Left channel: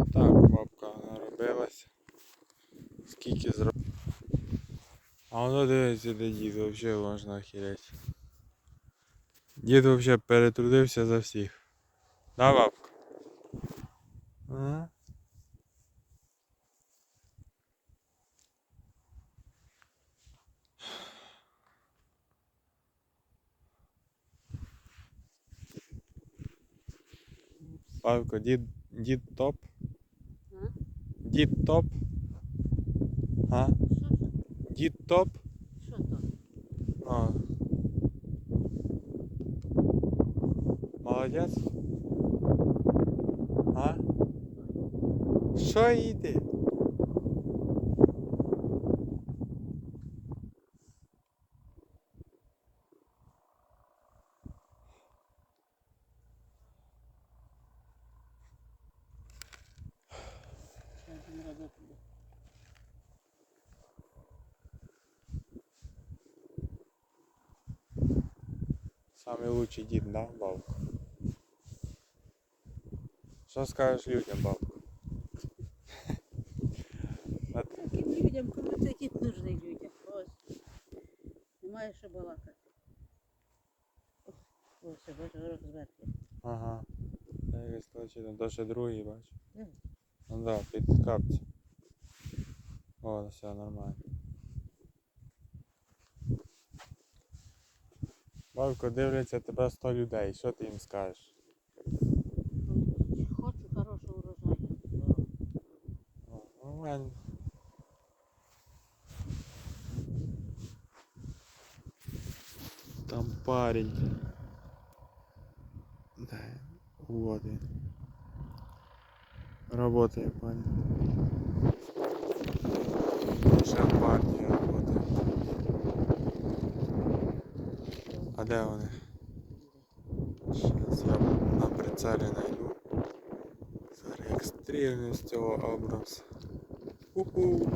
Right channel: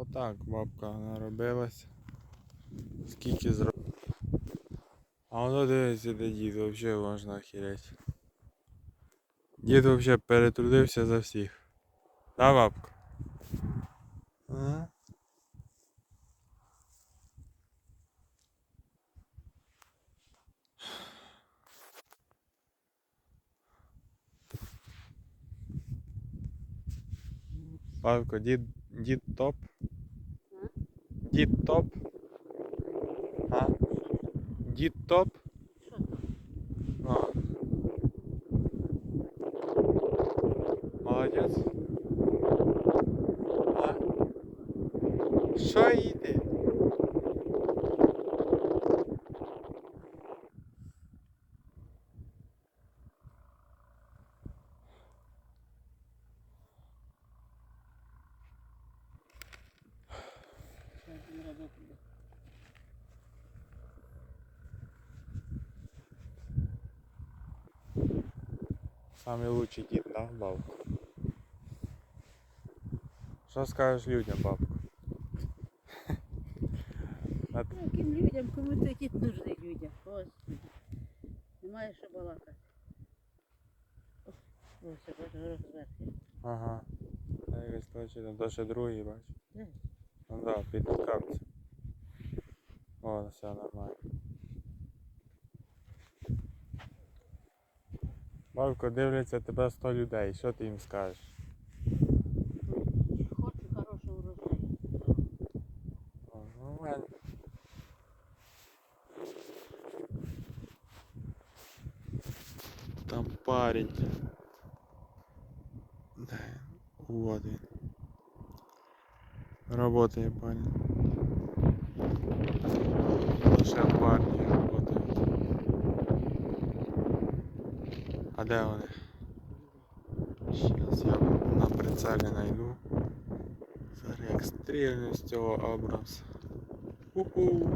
Отак бабка наробилась. Скільки зробила. А воно дивиться, де дід, взагалі можна охереть. Дід взагалі перетрудився за всіх. Да, бабка? Ага. Бабка, дід, дід топ. Дід топ. А? Дід топ. Що? А. Молодець. А? Що йде? Зараз він роботу буде. Самый лучший дід, да, бабка? Що скажеш людям, бабка? А ти- Таким людям, кому це кіт нужний людям. Господи. Немає що балакати. О, Ось, я бачу, горох зверху. Ага. А якось точно, то ще другий, бач. Де? Ну да, під капці. О, все нормально. Бабко, дивляться тебе 100 людей, що ти їм скажеш? Хочу хорошого урожаю. О, нормально. Там парень. Да, вот він. Работає парень. Лише парні работають. А де вони? Зараз я на прицелі найду. Зараз як стрільну з цього образ. Уху.